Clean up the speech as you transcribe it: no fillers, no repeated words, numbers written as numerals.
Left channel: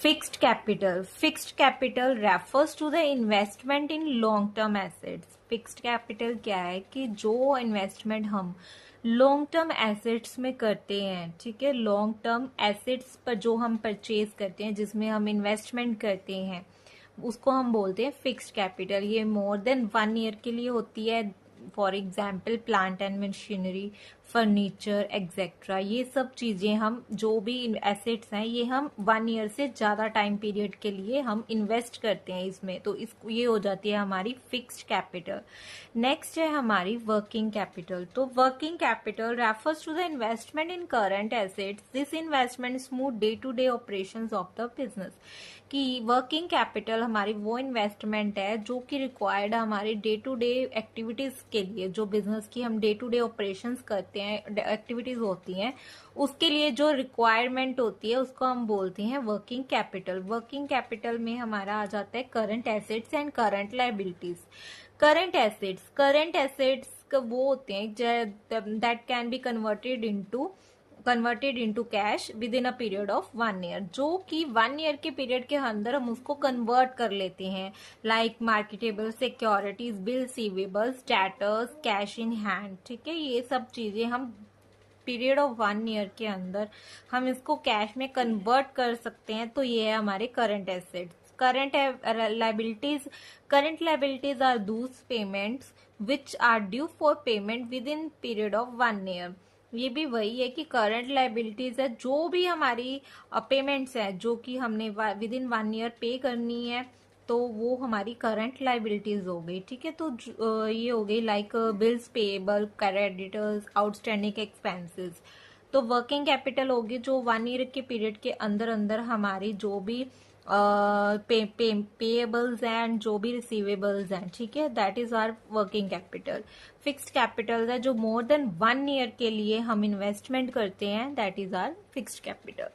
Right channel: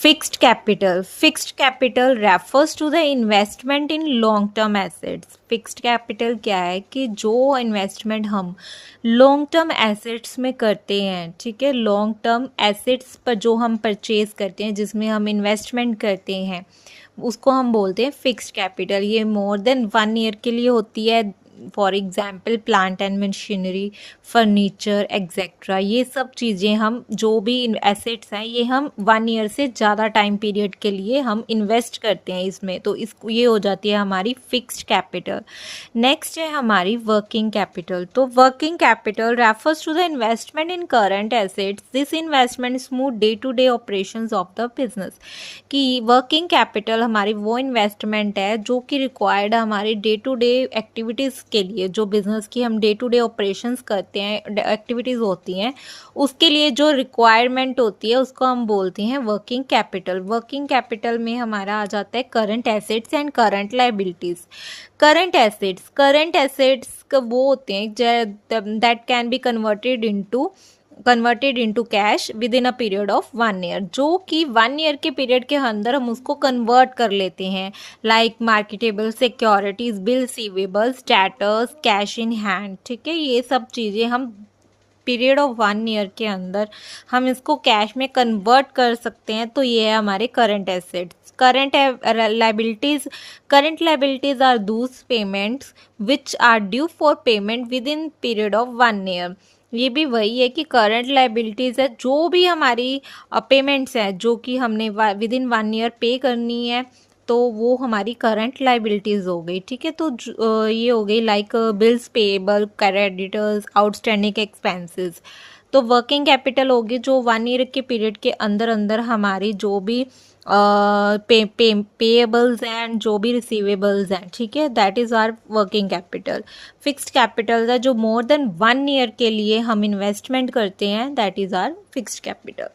Fixed capital refers to the investment in long term assets. Fixed capital क्या है कि जो इन्वेस्टमेंट हम लॉन्ग टर्म एसेट्स में करते हैं, ठीक है, लॉन्ग टर्म एसेट्स पर जो हम परचेज करते हैं, जिसमें हम इन्वेस्टमेंट करते हैं, उसको हम बोलते हैं फिक्स्ड कैपिटल। ये मोर देन 1 ईयर के लिए होती है। For example plant and machinery, furniture etcetera, ये सब चीज़ें हम जो भी एसेट्स हैं ये हम 1 ईयर से ज़्यादा टाइम पीरियड के लिए हम इन्वेस्ट करते हैं इसमें, तो इसको ये हो जाती है हमारी फिक्स्ड कैपिटल। नेक्स्ट है हमारी वर्किंग कैपिटल। तो working capital refers to the investment in current assets. This investment smooth day to day operations of the business. कि वर्किंग कैपिटल हमारी वो इन्वेस्टमेंट है जो कि रिक्वायर्ड हमारे डे टू डे एक्टिविटीज़ के लिए, जो बिज़नेस की हम डे टू डे ऑपरेशंस करते हैं, एक्टिविटीज़ होती हैं, उसके लिए जो रिक्वायरमेंट होती है उसको हम बोलते हैं वर्किंग कैपिटल। वर्किंग कैपिटल में हमारा आ जाता है current assets and current liabilities. Current assets वो होते हैं that can be converted into cash with in a period of 1 year, जो कि 1 ईयर के पीरियड के अंदर हम उसको कन्वर्ट कर लेते हैं, like marketable securities, bill receivables, debtors, cash in hand. ठीक है, ये सब चीज़ें हम पीरियड ऑफ 1 ईयर के अंदर हम इसको कैश में कन्वर्ट कर सकते हैं। तो ये है हमारे current assets. Current liabilities are those payments which are due for payment within period of 1 year. ये भी वही है कि करंट लायबिलिटीज़ है जो भी हमारी पेमेंट्स हैं जो कि हमने विद इन 1 ईयर पे करनी है, तो वो हमारी करंट लायबिलिटीज़ हो गई। ठीक है, तो ये हो गई like bills payable, creditors, outstanding expenses. तो वर्किंग कैपिटल होगी जो 1 ईयर के पीरियड के अंदर अंदर हमारी जो भी पेएबल्स एंड जो भी रिसीवेबल्स हैं, ठीक है, that is our working capital. Fixed capital है जो मोर देन 1 ईयर के लिए हम इन्वेस्टमेंट करते हैं, that is our fixed capital.